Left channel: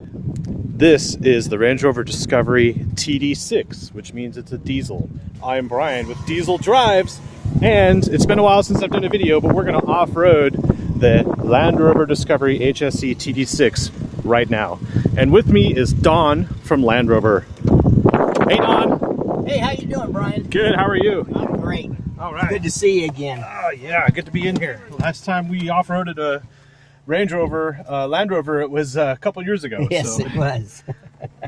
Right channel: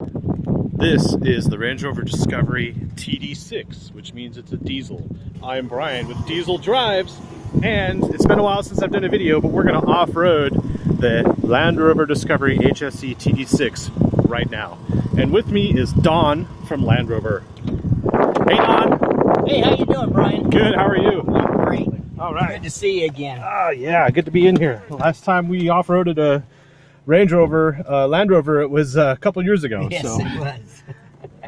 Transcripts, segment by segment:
This is the Range Rover Discovery Td6, which means it's a diesel. I'm Brian with Diesel Drives, and it's been a while since I've done a video, but we're going to off-road the Land Rover Discovery HSE Td6 right now. And with me is Don from Land Rover. Hey, Don. Hey, how you doing, Brian? Good, how are you? I'm great. All right. Good to see you again. Yeah, good to be in here. Last time we off-roaded a Range Rover, Land Rover, it was a couple years ago. Yes, so. it was.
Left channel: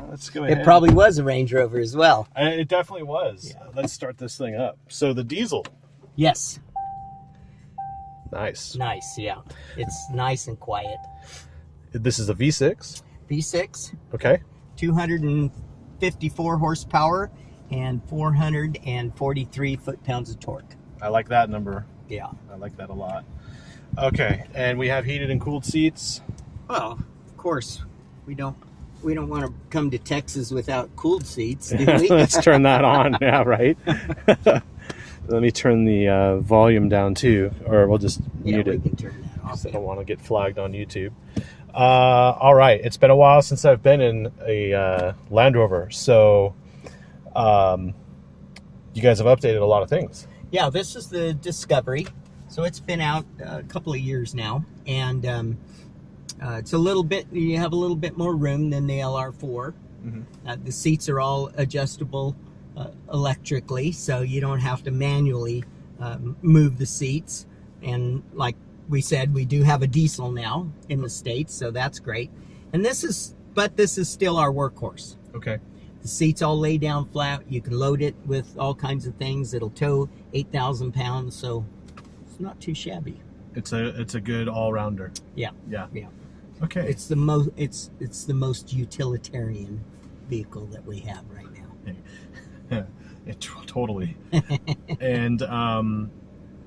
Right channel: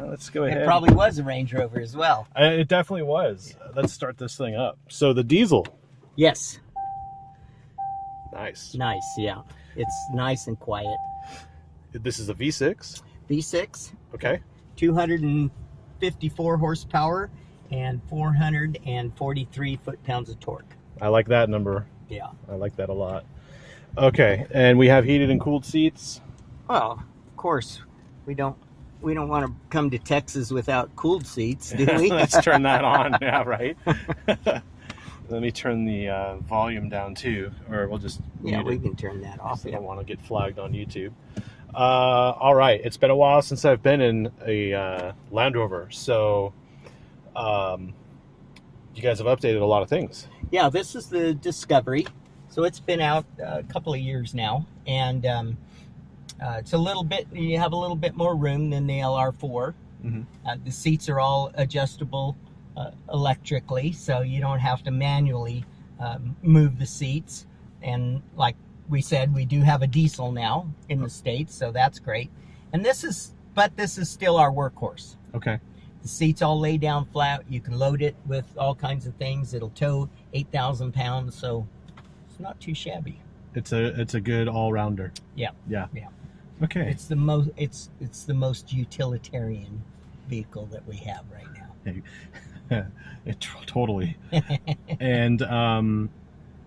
Let's go ahead. It probably was a Range Rover as well. It definitely was. Yeah. Let's start this thing up. So the diesel. Yes. Nice. Nice, yeah. It's nice and quiet. This is a V6. V6. Okay. 254 horsepower and 443 foot-pounds of torque. I like that number. Yeah. I like that a lot. Okay, and we have heated and cooled seats. Oh, of course. We don't want to come to Texas without cooled seats, do we? Let's turn that on. Yeah, right. Let me turn the volume down too, or we'll just yeah, we can turn that off. I don't want to get flagged on YouTube. All right, it's been a while since I've been in a Land Rover, so you guys have updated a lot of things. Yeah, this is the Discovery. So it's been out a couple of years now, and it's a little bit, you have a little bit more room than the LR4. Mm-hmm. The seats are all adjustable electrically, so you don't have to manually move the seats. And like we said, we do have a diesel now in the States, so that's great. And this is still our workhorse. Okay. The seats all lay down flat. You can load it with all kinds of things. It'll tow 8,000 pounds, so not too shabby. It's a good all-rounder. Yeah. Okay. It's the most utilitarian vehicle that we have right now. Totally. And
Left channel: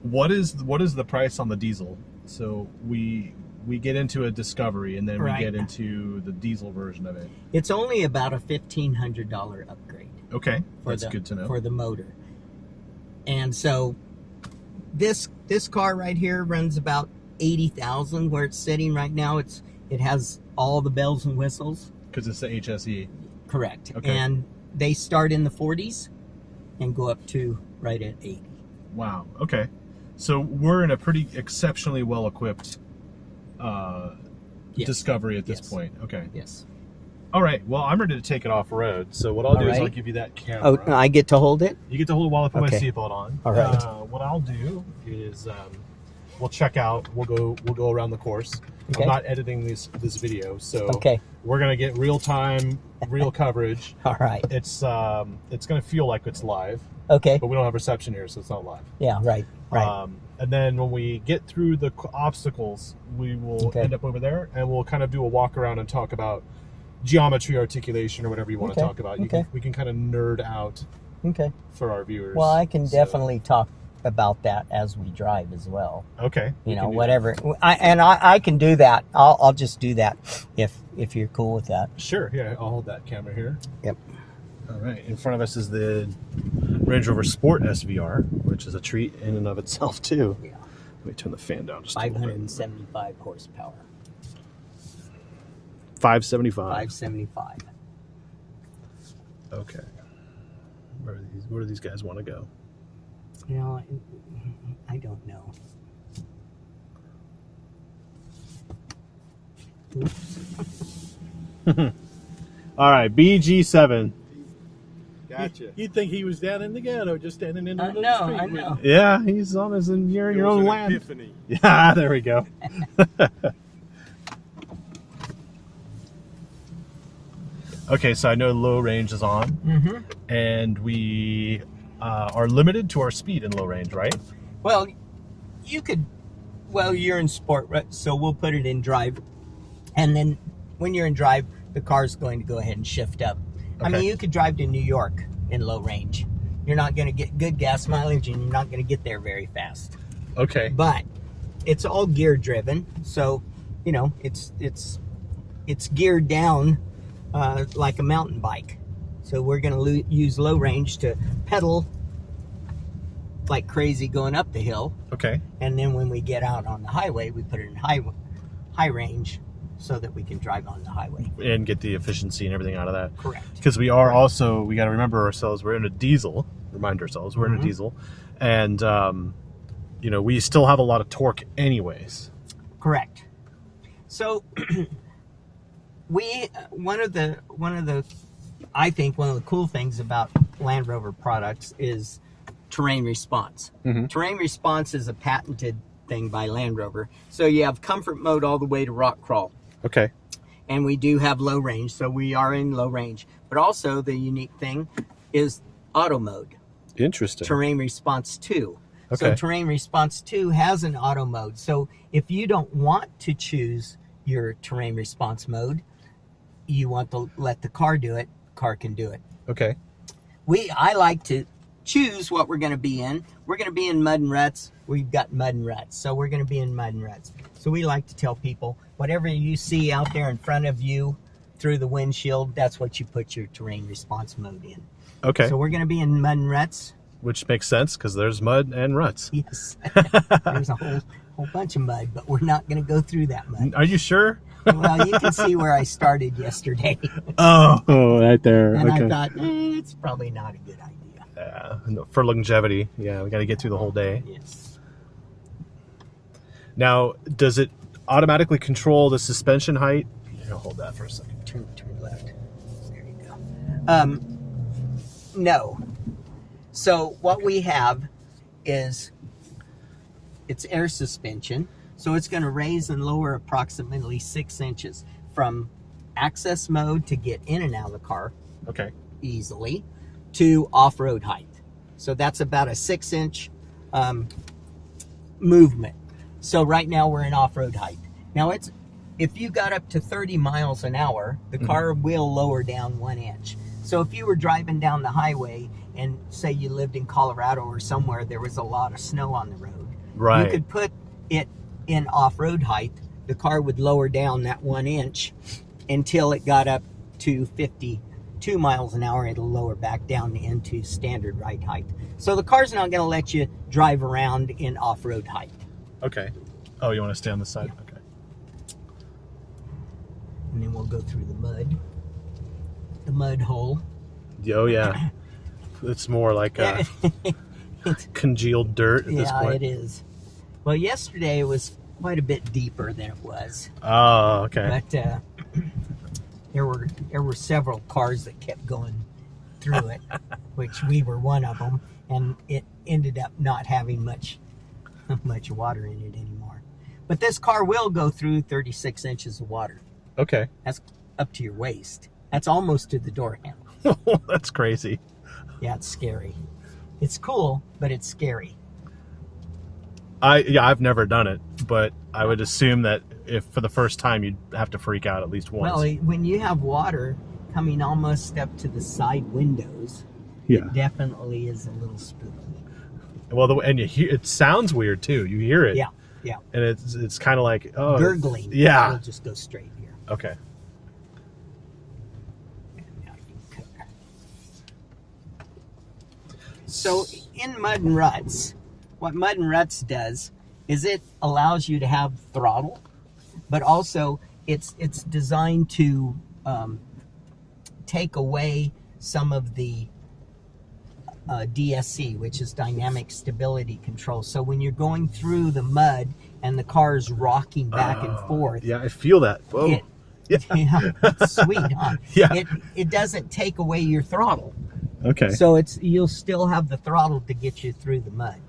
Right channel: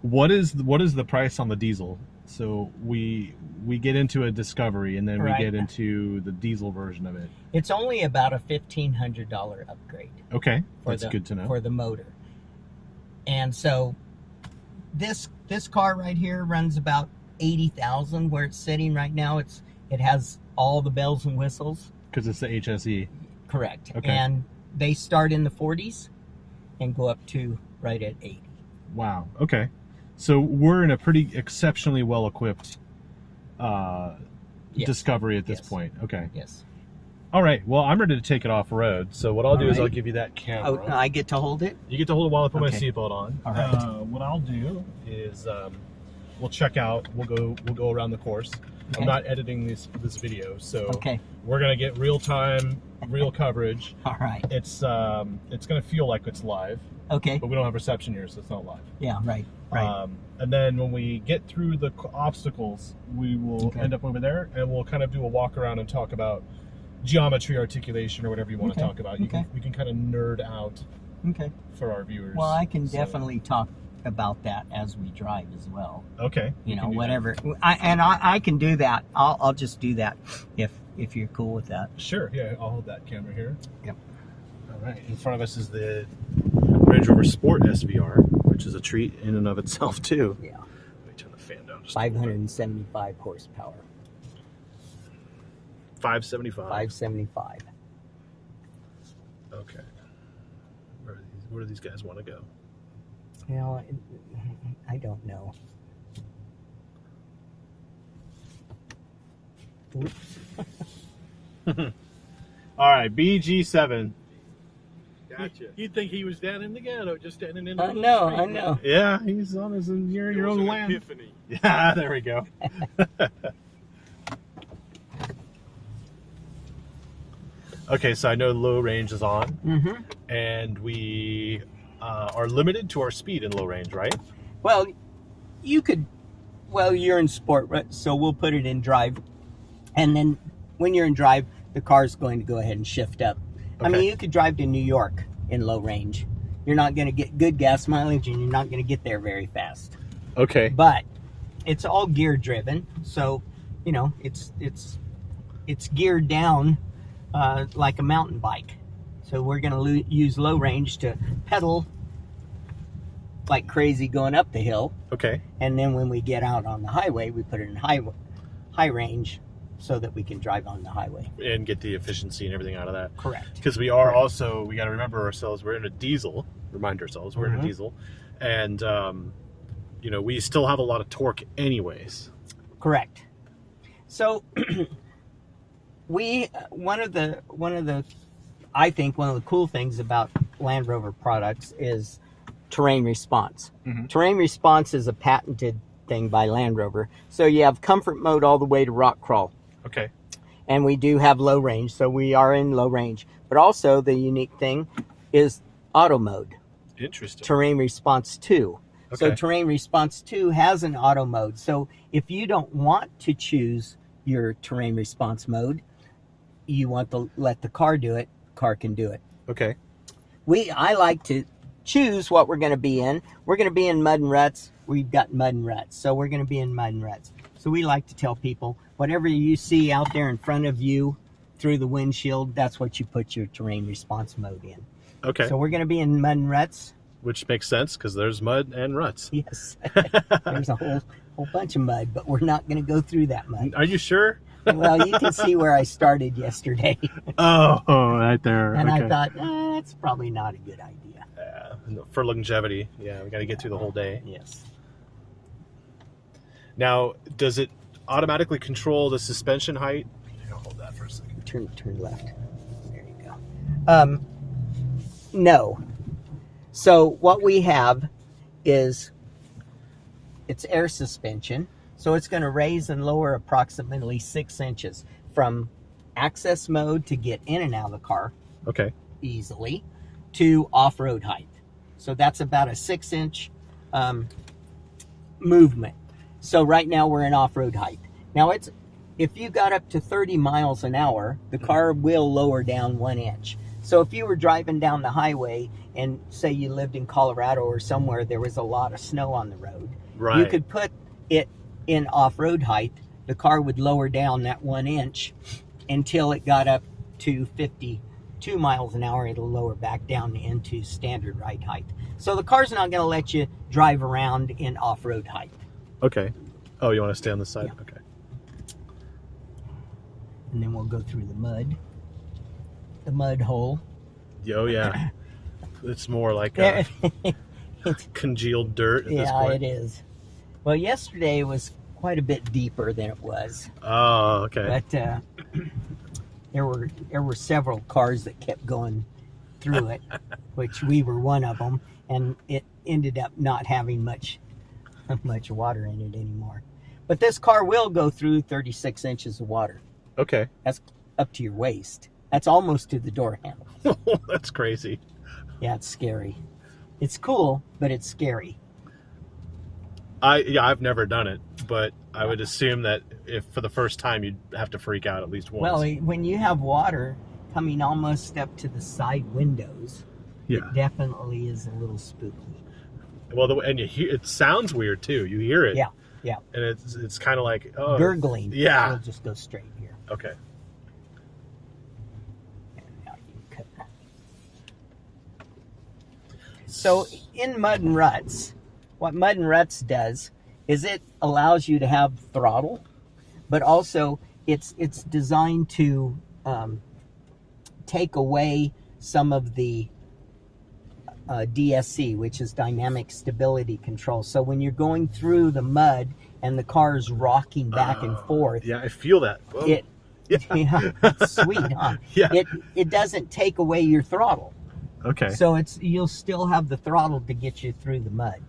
what is the price on the diesel? So we get into a Discovery, and then we get into the diesel version of it. It's only about a $1,500 upgrade. Okay, that's good to know. For the motor. And so this car right here runs about 80,000 where it's sitting right now. It has all the bells and whistles because it's the HSE. Correct. Okay. And they start in the 40s and go up to right at 80. Wow. Okay. So we're in a pretty exceptionally well equipped Discovery at this point. Okay. Yes. All right. Well, I'm ready to take it off road. So what I'll do is I'll give you that camera. Oh, I get to hold it? You get to hold it while I put my seatbelt on. All right. What I'll do is we'll check out. We'll go around the course. Okay. I'm not editing this video, so we're gonna get real time, real coverage. All right. It's gonna feel like it's live. Okay. But we don't have reception here, so it's not live. Yeah. Right. And then when we get through the obstacles, we will end up over there, and we'll kind of do a walk around and talk about geometry, articulation, or whatever you want to talk about. We can kind of nerd out for our viewers. Well, I can definitely talk about that as we drive as well. Okay. You know, whatever. I can do that. I'll just do that if you're cool with that. Sure. Yeah, I'll hold that camera here. Yep. All right. In front of us is the Range Rover Sport SVR, which is a treat in and of itself too. Yeah. Let me turn the fan down just 575 horsepower. 575. 575. Okay. Where do these guys want to go? You know, I don't know. Oops. All right, BG7. Gotcha. You'd think he was down in the ghetto, just standing in the street. I know. Yeah, he's on your own land. Epiphany. Yeah, there we go. Okay, so I know low range is on, and we are limited to our speed in low range, right? Well, you're in sport, right? So we'll put it in drive, and then when you're in drive, the car's going to go ahead and shift up. I mean, you could drive to New York in low range. You're not going to get good gas mileage, and you're not going to get there very fast. Okay. But it's all gear driven, so you know it's geared down like a mountain bike. So we're going to use low range to pedal like crazy going up the hill. Okay. And then when we get out on the highway, we put it in high range so that we can drive on the highway. And get the efficiency and everything out of that. Correct. Because we are also, we got to remember ourselves, we're in a diesel, remind ourselves, we're in a diesel. And, you know, we still have a lot of torque anyways. Correct. So one of the I think one of the cool things about Land Rover products is terrain response. Terrain response is a patented thing by Land Rover. So you have comfort mode all the way to rock crawl. Okay. And we do have low range, so we are in low range. But also the unique thing is auto mode. Interesting. Terrain response 2. Okay. So terrain response 2 has an auto mode. So if you don't want to choose your terrain response mode, you want to let the car do it, car can do it. Okay. I like to choose what we're going to be in. We're going to be in mud and ruts. We've got mud and ruts, so we're going to be in mud and ruts. So we like to tell people, whatever you see out there in front of you through the windshield, that's what you put your terrain response mode in. Okay. So we're going to be in mud and ruts. Which makes sense because there's mud and ruts. Yes. There's a whole bunch of mud, but we're not going to go through that mud. Are you sure? Well, you can see where I started yesterday. Oh, right there. And okay. I thought, it's probably not a good idea. For longevity, yeah, we got to get through the whole day. Yes. Now, does it automatically control the suspension height? Here, hold that for a second. Turn left. There you go. No. So what we have is it's air suspension. So it's going to raise and lower approximately 6 inches from access mode to get in and out of the car Okay. easily to off-road height. So that's about a 6-inch movement. So right now we're in off-road height. Now if you got up to 30 miles an hour, the car will lower down 1 inch. So if you were driving down the highway and say you lived in Colorado or somewhere there was a lot of snow on the road, Right. you could put it in off-road height. The car would lower down that 1 inch until it got up to 52 miles an hour. It'll lower back down into standard ride height. So the car's not going to let you drive around in off-road height. Okay. Oh, you want to stay on the side? Yeah. Okay. And then we'll go through the mud hole. Oh, yeah. It's more like congealed dirt at this point. Yeah, it is. Well, yesterday it was quite a bit deeper than it was. Oh, okay. But there were several cars that kept going through it, which we were one of them, and it ended up not having much water in it anymore. But this car will go through 36 inches of water. Okay. That's up to your waist. That's almost to the door handle. That's crazy. Yeah, it's scary. It's cool, but it's scary. I've never done it, but I would assume that if for the first time you'd have to freak out at least once. Well, when you have water coming almost up to the side windows, yeah, it definitely is a little spooky. Well, and you hear it sounds weird too. You hear it, Yeah, yeah. and it's kind of like Gurgling. Yeah. We'll just go straight here. Okay. And now you can cut. So in mud and ruts, what mud and ruts does is it allows you to have throttle, but also it's designed to take away some of the DSC, which is dynamic stability control. So when you're going through the mud and the car's rocking back and forth, Yeah, I feel that. Whoa. yeah, it's sweet, huh? Yeah. It doesn't take away your throttle. Okay. So you'll still have the throttle to get you through the mud.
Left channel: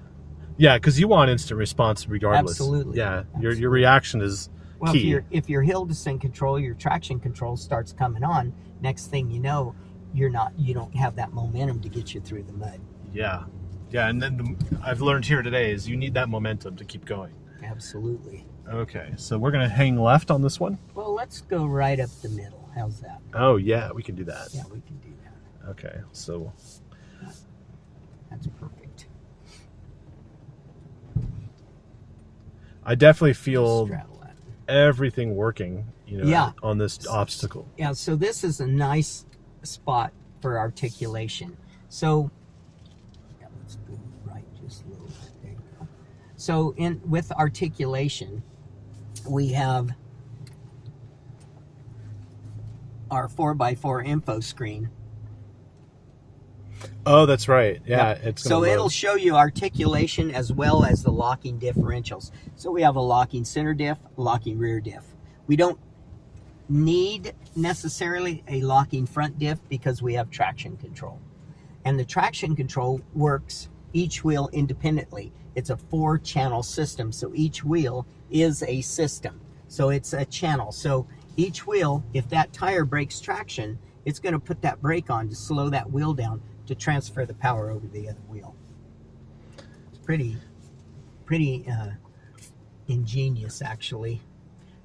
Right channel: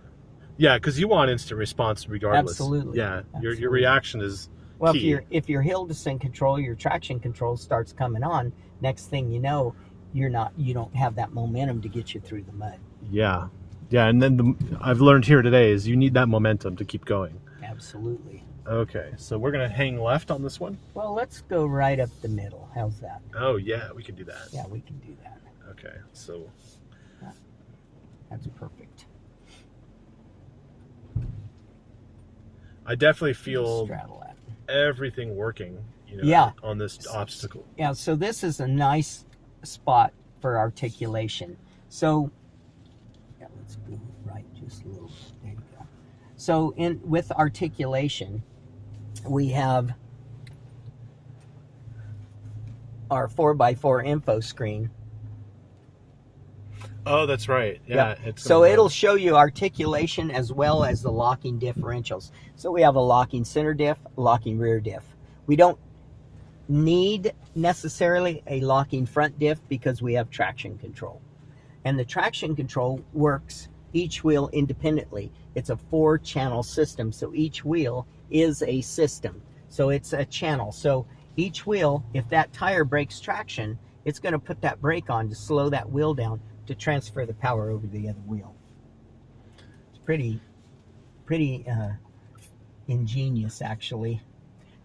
Yeah, because you want instant response regardless. Absolutely. Yeah, Absolutely. Your reaction is Well, key. if your hill descent control, your traction control starts coming on, next thing you know, you don't have that momentum to get you through the mud. Yeah, and then I've learned here today is you need that momentum to keep going. Absolutely. Okay, so we're gonna hang left on this one. Well, let's go right up the middle. How's that? Oh yeah, we can do that. Yeah, we can do that. Okay, so That's perfect. I definitely feel Straddle that. everything working, Yeah. on this obstacle. Yeah, so this is a nice spot for articulation. So, yeah, let's go right just a little bit. There you go. So with articulation, we have our 4x4 info screen. Oh, that's right. Yeah. It's So it'll show you articulation as well as the locking differentials. So we have a locking center diff, locking rear diff. We don't need necessarily a locking front diff because we have traction control. And the traction control works each wheel independently. It's a 4-channel system, so each wheel is a system. So it's a channel. So each wheel, if that tire breaks traction, it's going to put that brake on to slow that wheel down to transfer the power over the other wheel. It's pretty ingenious, actually.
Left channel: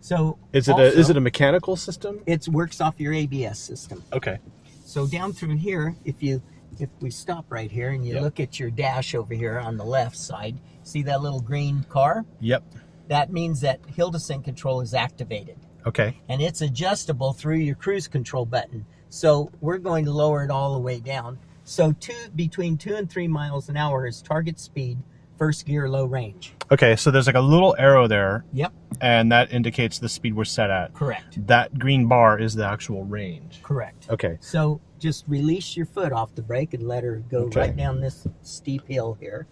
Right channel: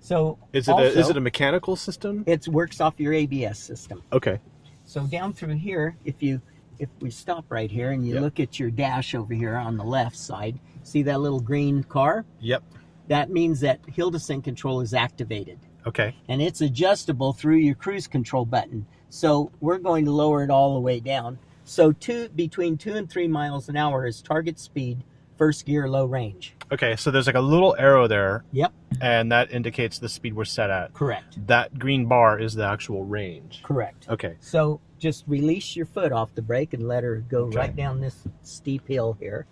So is it a mechanical system? It works off your ABS system. Okay. So down through here, if we stop right here and you look at your dash over here on the left side, see that little green car? Yep. That means that hill descent control is activated. Okay. And it's adjustable through your cruise control button. So we're going to lower it all the way down. So between 2 and 3 miles an hour is target speed, first gear, low range. Okay, so there's like a little arrow there. Yep. And that indicates the speed we're set at. Correct. That green bar is the actual range. Correct. Okay. So just release your foot off the brake and let her go right down this steep hill here.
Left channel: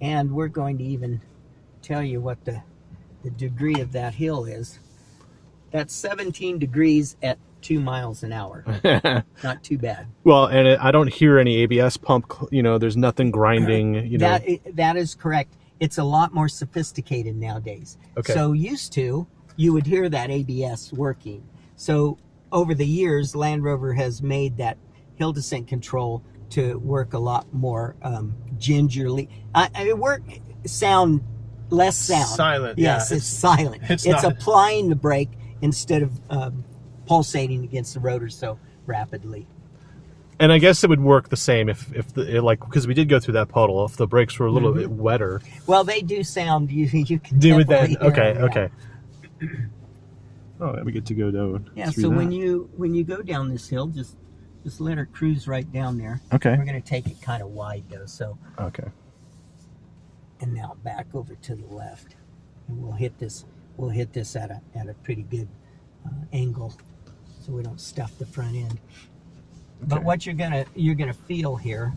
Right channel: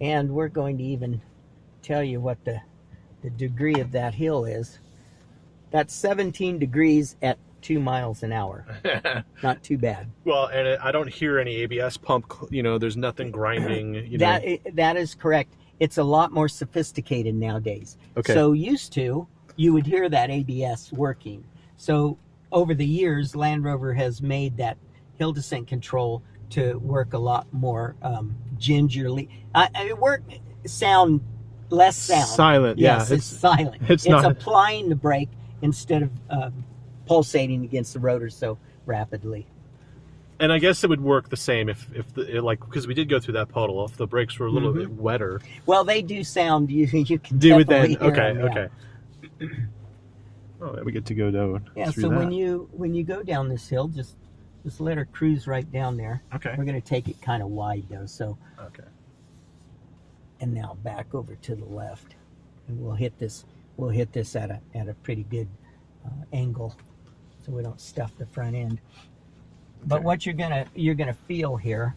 And we're going to even tell you what the degree of that hill is. That's 17 degrees at 2 miles an hour. Not too bad. Well, and I don't hear any ABS pump, there's nothing grinding, That is correct. It's a lot more sophisticated nowadays. Okay. So used to, you would hear that ABS working. So over the years, Land Rover has made that hill descent control to work a lot more gingerly. Less sound. Silent. Yes, yeah, it's silent. It's not applying the brake instead of pulsating against the rotor so rapidly. And I guess it would work the same if because we did go through that puddle. If the brakes were a little bit wetter. Well, they do sound. You can do it then. definitely hear them, Okay. Oh, we get to go down. Yeah. through So that. when you go down this hill, just let her cruise right down there. Okay. We're going to take it kind of wide though. So. Okay. And now back over to the left, and we'll hit this. We'll hit this at a pretty good angle, so we don't stuff the front end. But what you're gonna feel here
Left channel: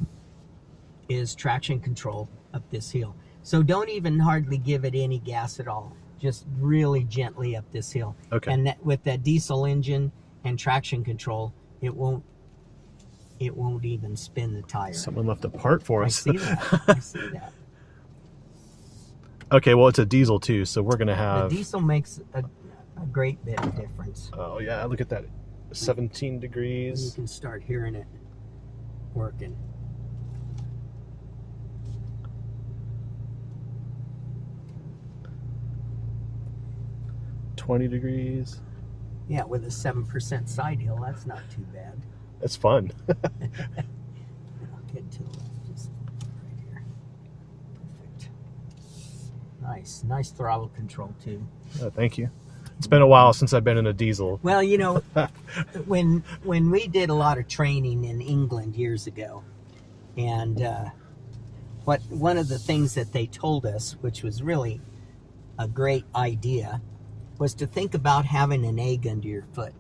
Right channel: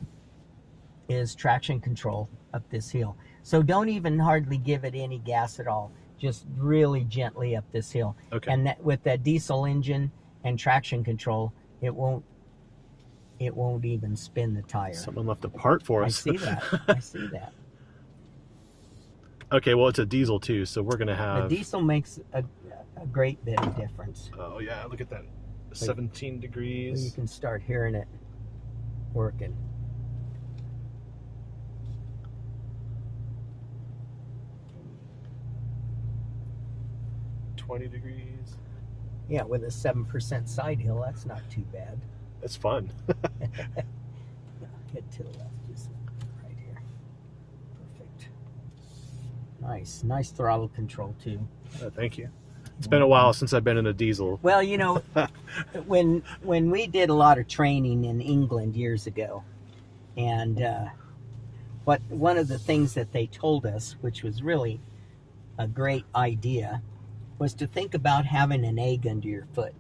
is traction control up this hill. So don't even hardly give it any gas at all. Just really gently up this hill. Okay. And with that diesel engine and traction control, it won't even spin the tire. Someone left a part for us. I see that. I see that. Okay, well, it's a diesel too, so we're gonna have. The diesel makes a great bit of difference. Oh yeah, look at that, 17 degrees. You can start hearing it working. $20 degrees. Yeah, with a 7% side hill, that's not too bad. That's fun. Get to the left, just right here. Perfect. Nice throttle control too. Thank you. It's been a while since I've been in a diesel. Well, when we did a lot of training in England years ago, and one of the things that they told us, which was really a great idea, was to think about having an egg under your foot.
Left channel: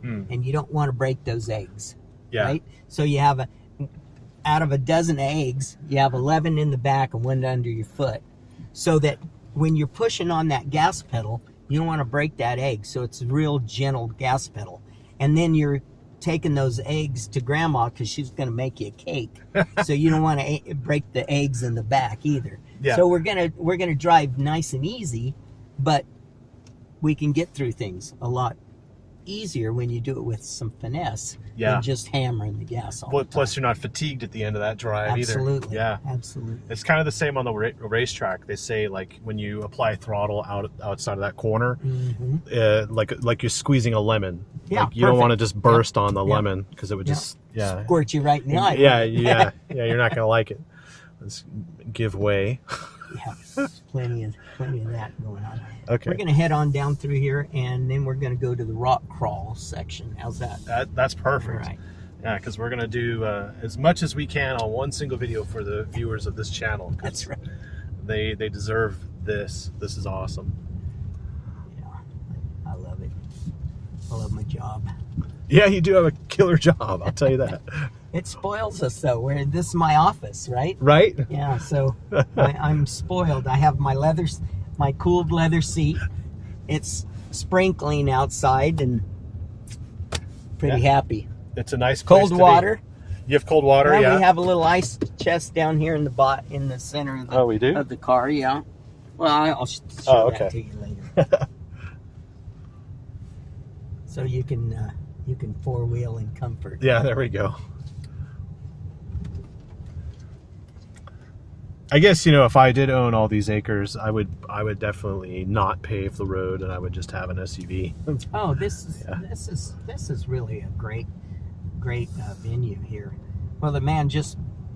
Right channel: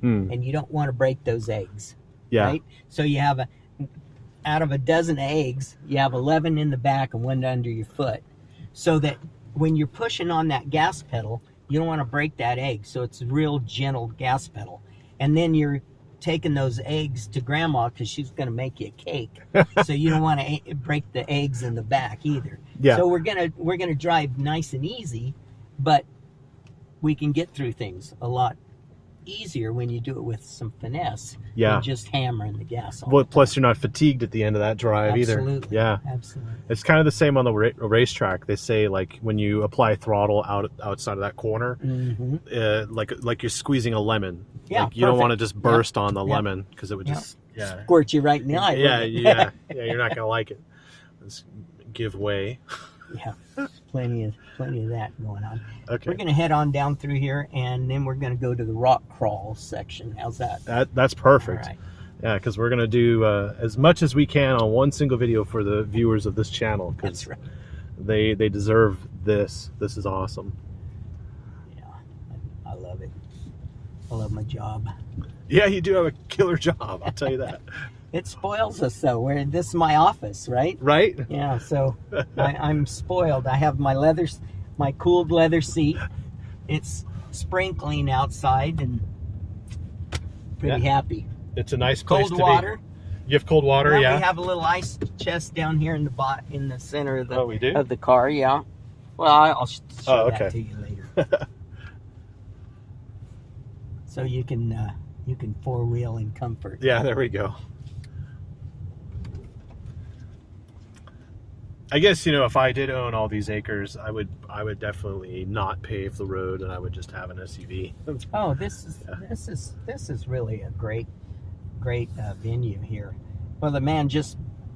And you don't want to break those eggs. Yeah. Right? So you have out of a dozen eggs, you have 11 in the back and one under your foot. So that when you're pushing on that gas pedal, you don't want to break that egg. So it's a real gentle gas pedal. And then you're taking those eggs to grandma because she's going to make you a cake. So you don't want to break the eggs in the back either. Yeah. So we're gonna drive nice and easy, but we can get through things a lot easier when you do it with some finesse than just hammering the gas all the time. Plus, you're not fatigued at the end of that drive either. Absolutely. Yeah. Absolutely. It's kind of the same on the racetrack. They say, like, when you apply throttle outside of that corner, like you're squeezing a lemon. Yeah, like you don't want to just burst on the lemon because it would just squirt you right in the eye. Yeah. You're not gonna like it. Let's give way. Yeah, there's plenty of that going on. Okay. We're going to head on down through here, and then we're going to go to the rock crawl section. How's that? That's perfect. All right. Yeah, because we're going to do as much as we can on one single video for the viewers of this channel. That's right. They deserve this. This is awesome. Yeah, I love it. I love my job. Yeah, you do have a killer job. I'll tell you that. It spoils us though. This is my office, right? Right? Yeah. So I'm spoiled. I have my cooled leather seat. It's sprinkling outside, and pretty happy. It's a nice place Cold to water. be. You have cold water, Well, yeah? we have a little ice chest down here in the center of the, we do? of the car. Yeah. Well, I'll show that to you later. So you can four-wheel in comfort. Yeah, there we go. I guess, you know, if I did own all these acres, I would definitely not pave the road, and I would just have an SUV. Oh, this is really a great venue here. Well, the man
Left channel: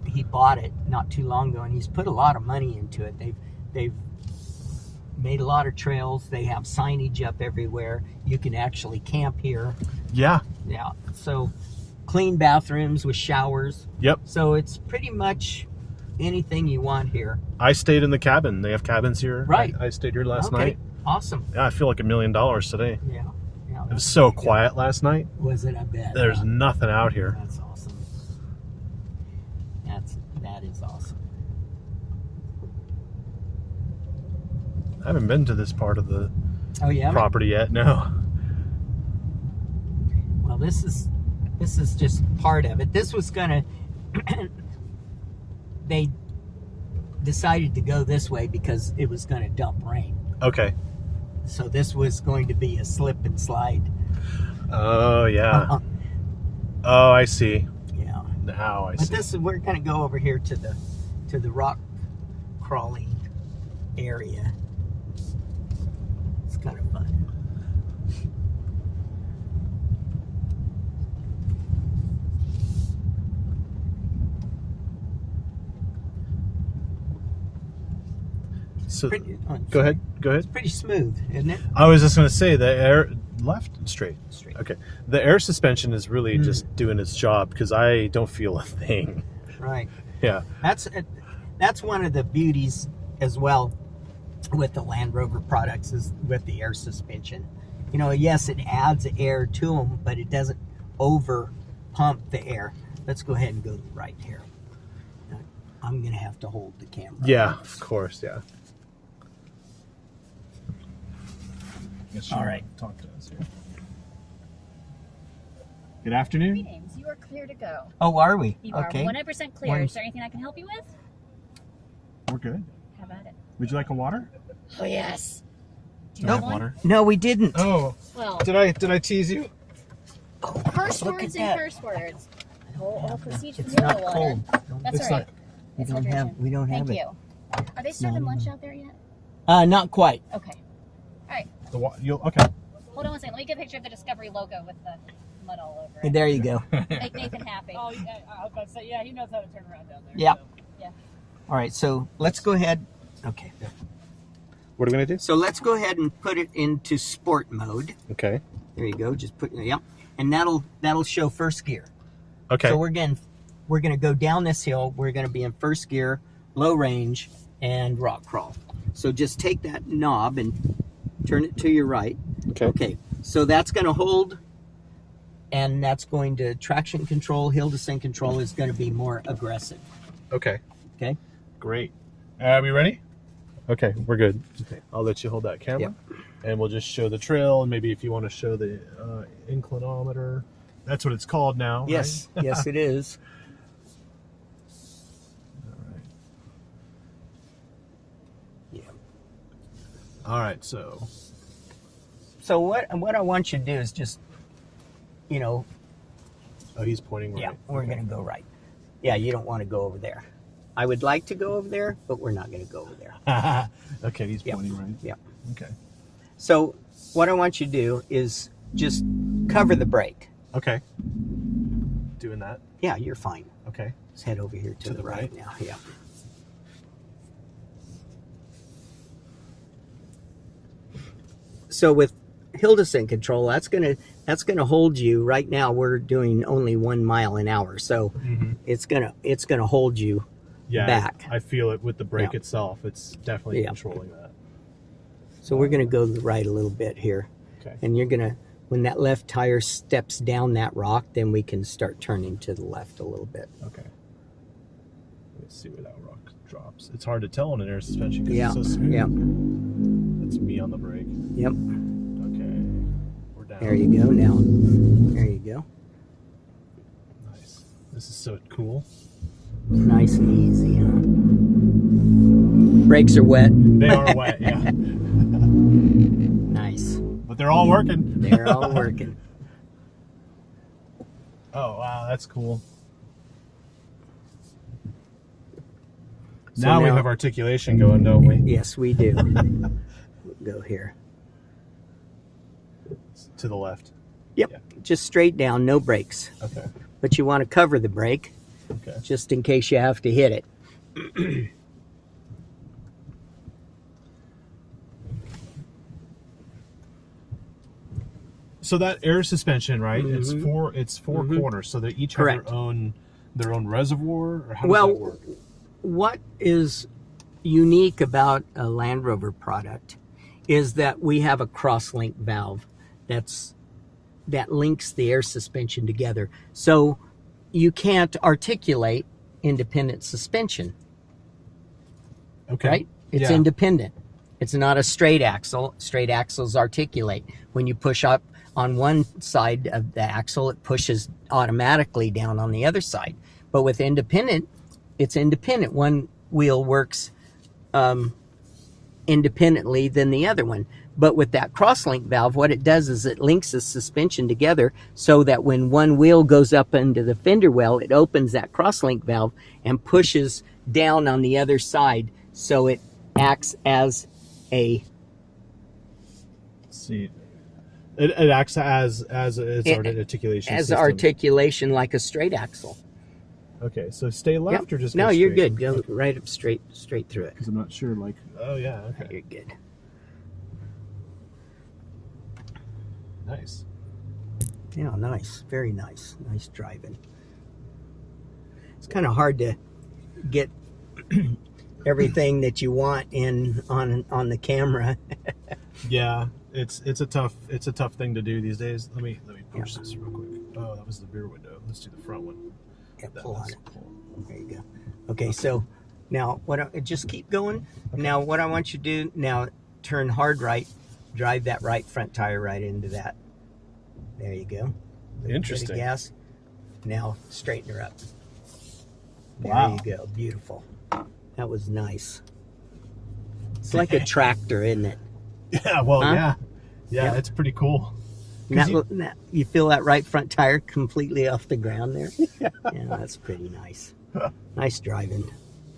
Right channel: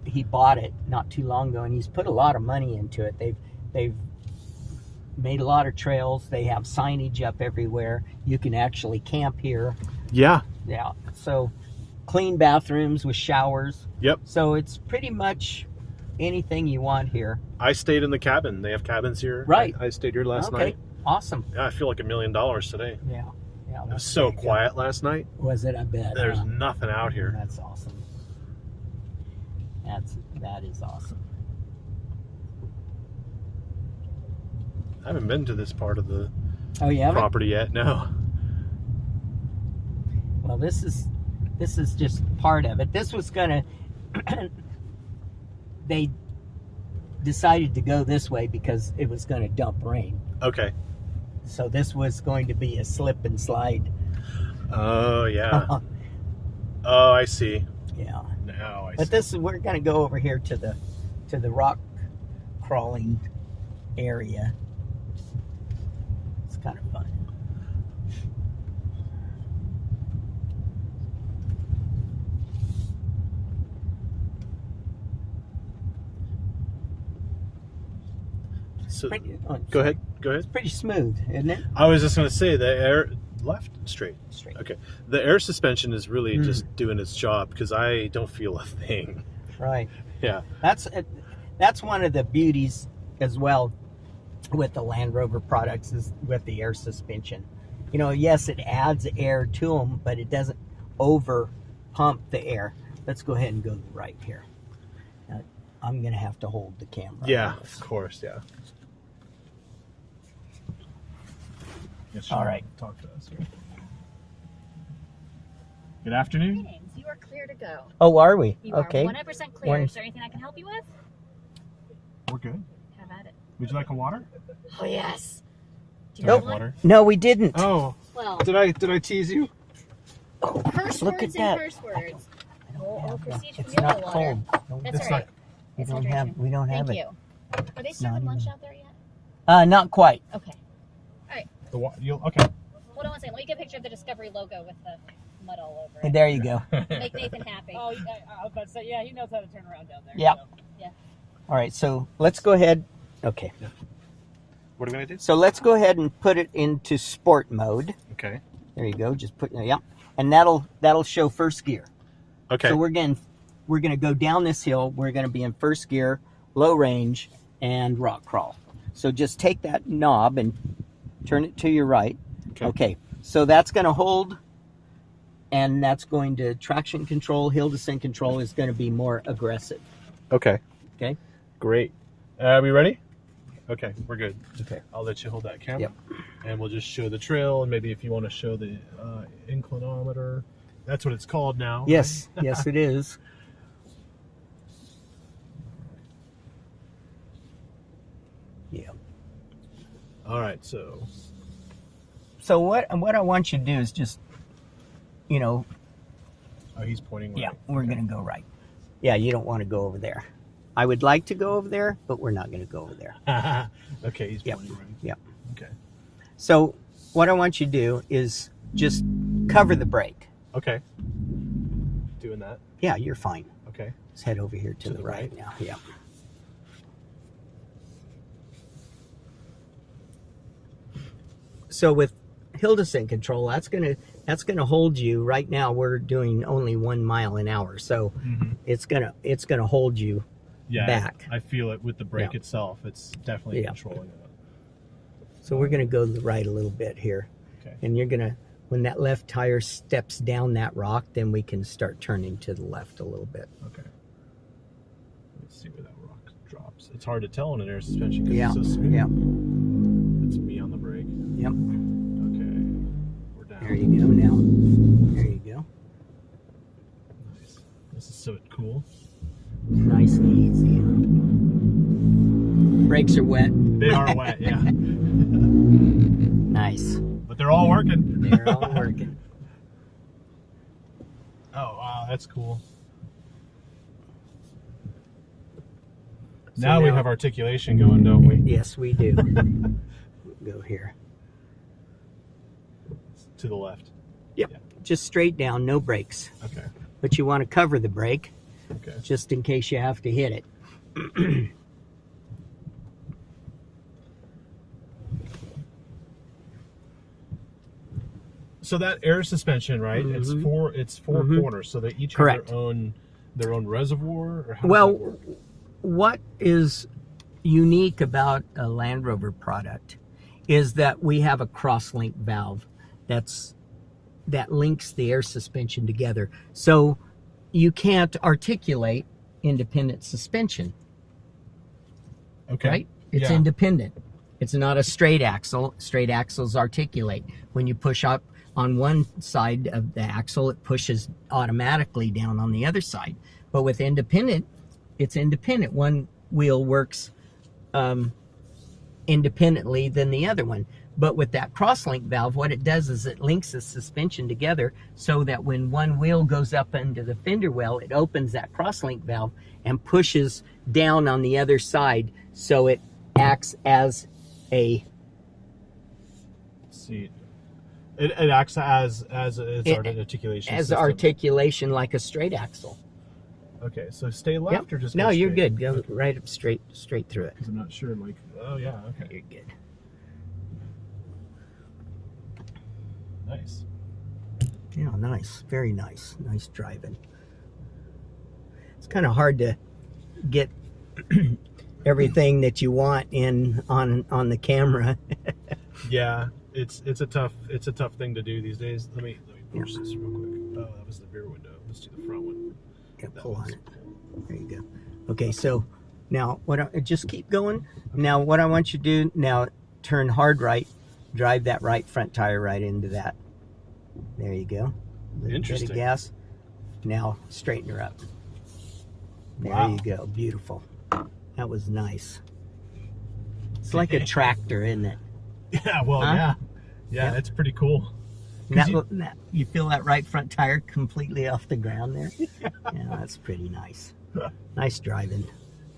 he bought it not too long ago, and he's put a lot of money into it. They've made a lot of trails. They have signage up everywhere. You can actually camp here. Yeah. Yeah. So clean bathrooms with showers. Yep. So it's pretty much anything you want here. I stayed in the cabin. They have cabins here. Right. I stayed here last night. Awesome. Yeah, I feel like $1 million today. Yeah. Yeah. It was so quiet last night. Was it? I bet. There's nothing out here. That's awesome. That is awesome. I haven't been to this part of the property yet. No. Well, this is just part of it. This was gonna. They decided to go this way because it was going to dump rain. Okay. So this was going to be a slip and slide. Oh yeah. Oh, I see. Yeah. Now I see. But we're going to go over here to the rock crawling area. It's kind of fun. So, go ahead. It's pretty smooth, isn't it? I was just going to say the air left and straight. Straight. Okay. The air suspension is really just doing its job because I don't feel a thing. Right. Yeah. That's one of the beauties as well with the Land Rover products is with the air suspension. You know, yes, it adds air to them, but it doesn't over pump the air. Let's go ahead and go right here. I'm going to have to hold the camera. Yeah, of course, yeah. All right. Talk to us here. Good afternoon. Greetings. You are clear to go. Oh, are we? You Okay. are 100% clear. Is there anything I can help you with? We're good. How about it? Would you like a water? Oh, yes. Do you Do I have have one? water? No, we didn't. Oh, Well, did I tease you? curse look words at and that. curse words. I'll proceed from It's the not other water. cold. That's It's all right. We It's don't have. hydration. We don't have Thank it. you. Are they serving lunch out there yet? Not quite. Okay. Okay. Hold on one second. Let me get a picture of the Discovery logo with the mud all over it. There you go. Make Nathan happy. Oh, I was about to say, yeah, he knows how to turn around down there. Yeah. So. All right. So let's go ahead. Okay. What are we gonna do? So let's go ahead and put it into sport mode. Okay. There you go. Just put and that'll show first gear. Okay. So we're gonna go down this hill. We're gonna be in first gear, low range, and rock crawl. So just take that knob and turn it to your right. Okay. So that's gonna hold, and that's going to traction control. Hill descent control is going to be more aggressive. Okay. Okay. Great. Are we ready? Okay, we're good. Okay. I'll let you hold that camera. Yep. And we'll just show the trail, and maybe if you want to show the inclinometer. That's what it's called now. Yes. Yes, it is. Yeah. All right, so what I want you to do is just, oh, he's pointing right. yeah, we're going to go right. Yeah, you don't want to go over there. I would like to go over there, but we're not going to go over there. Okay, he's Yep. pointing right. Yep. Okay. So what I want you to do is just cover the brake. Okay. Doing that. Yeah, you're fine. Okay. Let's head over here to To the the right right? now. Yeah. So with hill descent control, that's gonna hold you. Right now we're doing only 1 mile an hour, so it's gonna hold you Yeah. back. I feel it with the brake Yeah. itself. It's definitely Yeah. controlling that. So we're gonna go to the right a little bit here, Okay. and When that left tire steps down that rock, then we can start turning to the left a little bit. Okay. Let's see where that rock drops. It's hard to tell in an air suspension because Yeah, it's so smooth. yeah. It's me on the brake. Yep. Okay. We're down. There you go now. There you go. Nice. This is so cool. Nice and easy, huh? Brakes are wet. They are wet, yeah. Nice. But they're all working. They're all working. Oh, wow, that's cool. So now we have articulation going, don't we? Yes, we do. Go here. To the left. Yep. Yeah. Just straight down, no brakes. Okay. But you want to cover the brake Okay. just in case you have to hit it. So that air suspension, right? Mm-hmm. It's four corners, so they each Correct. have their own reservoir. Or how does that Well, work? what is unique about a Land Rover product is that we have a cross-link valve that links the air suspension together. So you can't articulate independent suspension. Okay. Right? It's Yeah. independent. It's not a straight axle. Straight axles articulate. When you push up on one side of the axle, it pushes automatically down on the other side. But with independent, it's independent. One wheel works independently than the other one. But with that cross-link valve, what it does is it links the suspension together so that when one wheel goes up into the fender well, it opens that cross-link valve and pushes down on the other side, so it acts as a... Let's see. It acts as its articulation as system. articulation like a straight axle. Okay, so stay left Yep. or just No, go you're straight? good. Go right up straight through it. Because I'm not sure, like, oh yeah, okay. You're good. Nice. Yeah, nice. Very nice. Nice driving. It's kind of hard to get everything that you want in on the camera. Yeah, it's a tough thing to do these days. Let me push this real quick. Oh, that was the rear window. Let's do the front one. Yeah, pull on it. There you go. Okay, so now just keep going. Okay. Now what I want you to do now, turn hard right, drive that right front tire right into that. There you go. Interesting. Bit of gas. Now straighten her up. There Wow. you go. Beautiful. That was nice. It's like a tractor, isn't it? Yeah, well, huh? yeah. Yeah, Yep. it's pretty cool. You feel that right front tire completely off the ground there? Yeah, that's pretty nice. Nice driving.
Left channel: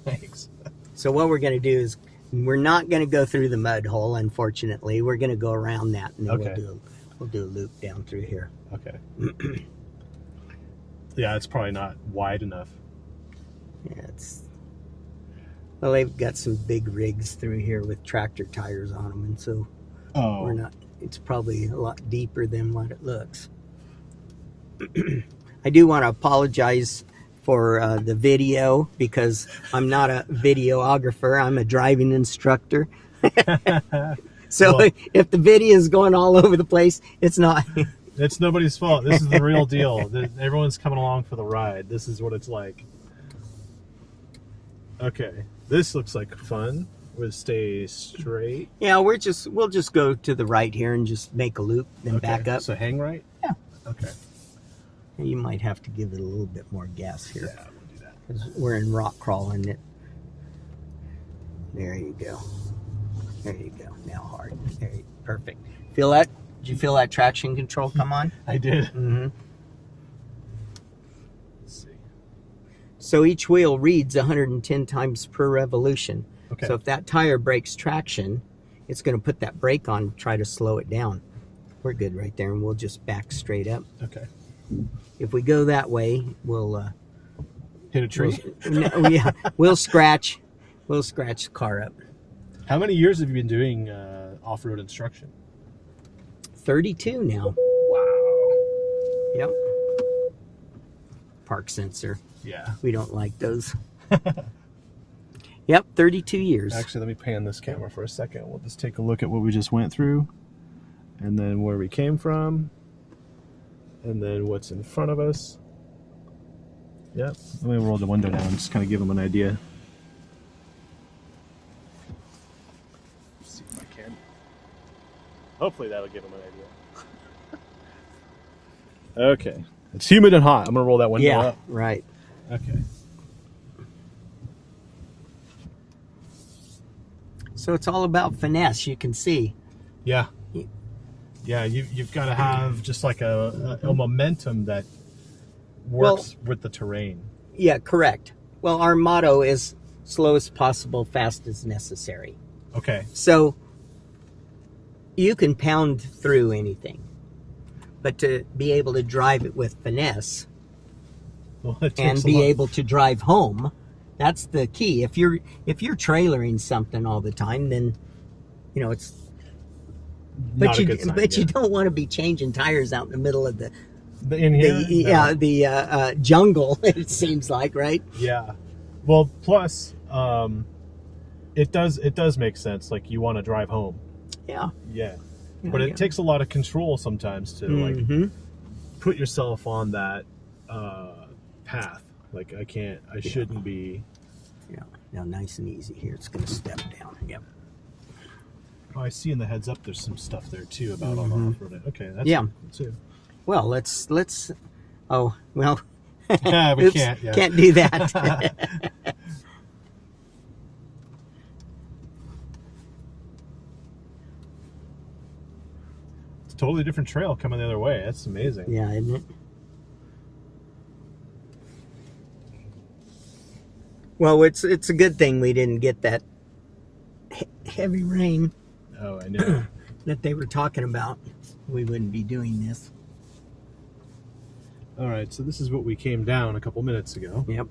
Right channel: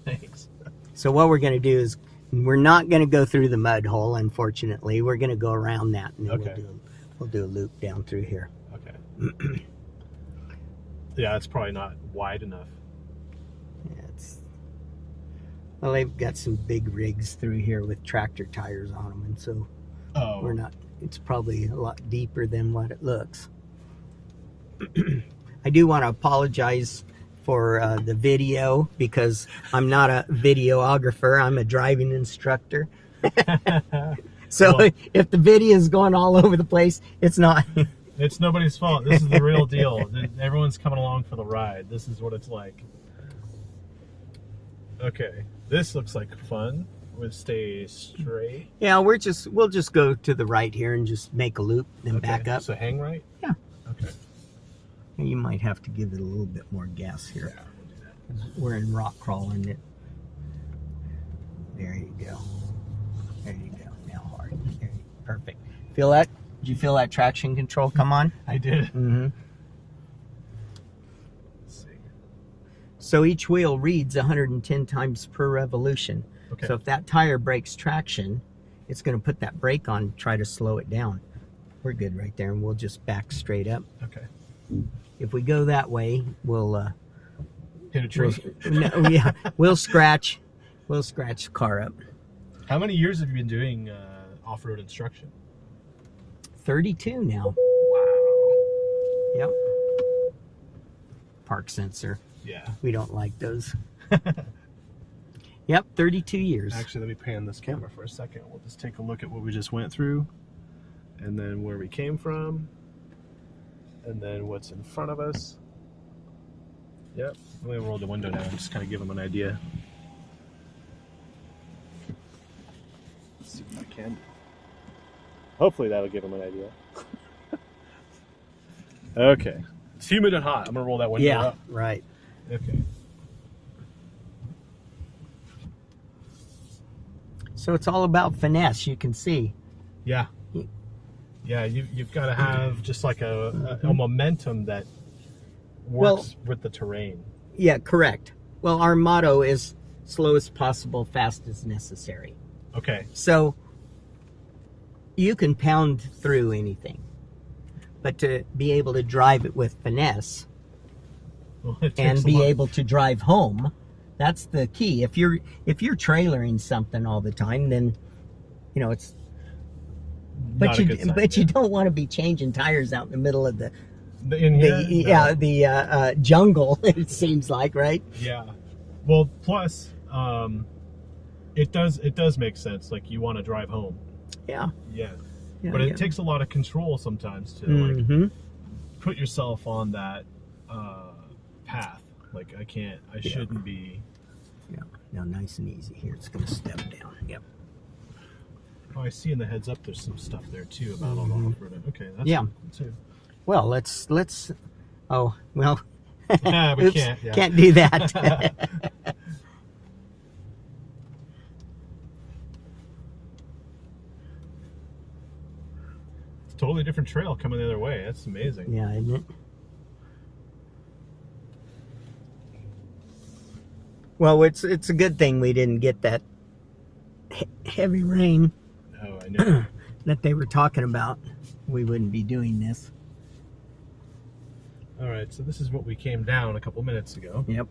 Thanks. So what we're going to do is, we're not going to go through the mud hole, unfortunately. We're going to go around that, and then Okay. we'll do a loop down through here. Okay. Yeah, it's probably not wide enough. Yeah, well, they've got some big rigs through here with tractor tires on them, and so it's probably a lot deeper than what it looks. I do want to apologize for the video, because I'm not a videographer. I'm a driving instructor. So well, if the video is going all over the place, it's not. It's nobody's fault. This is the real deal. Everyone's coming along for the ride. This is what it's like. Okay, this looks like fun. We'll stay straight. Yeah, we'll just go to the right here and just make a loop, then back up. So hang right? Yeah. Okay. You might have to give it a little bit more gas here. Yeah, we'll do that. We're in rock crawling it. There you go. There you go. Now hard. There you, perfect. Feel that? Did you feel that traction control come on? I did. Mm-hmm. Let's see. So each wheel reads 110 times per revolution. Okay. So if that tire breaks traction, it's going to put that brake on and try to slow it down. We're good right there, and we'll just back straight up. Okay. If we go that way, we'll hit a tree. We'll scratch the car up. How many years have you been doing off-road instruction? 32 now. Wow. Yep. Park sensor. Yeah. We don't like those. Yep, 32 years. Actually, let me pan this camera for a second. We'll just take a look at what we just went through, and then where we came from. and then what's in front of us. Yep. Let me roll the window down, just kind of give them an idea. Let's see if I can. Hopefully that'll give them an idea. Okay. It's humid and hot. I'm gonna roll that window up. Right. Okay. So it's all about finesse, you can see. Yeah. Yeah, you've got to have just like a momentum that works with the terrain. Yeah, correct. Well, our motto is slow as possible, fast as necessary. Okay. So you can pound through anything, but to be able to drive it with finesse and be able to drive home, that's the key. If you're trailering something all the time, then it's but you don't want to be changing tires out in the middle of the jungle. It seems like, right? Yeah. Well, plus it does make sense. Like you want to drive home. Yeah. Yeah. But it takes a lot of control sometimes to like put yourself on that path. Like I shouldn't be. Yeah. Now nice and easy here. It's going to step down. Yep. Oh, I see in the heads up there's some stuff there too about on off-road. Okay, that's good too. Well, let's oh, well. Yeah, we can't. Yeah. Can't do that. It's a totally different trail coming the other way. That's amazing. Yeah, isn't it? Well, it's a good thing we didn't get that heavy rain. Oh, I know. That they were talking about. We wouldn't be doing this. All right, so this is what we came down a couple minutes ago. Yep.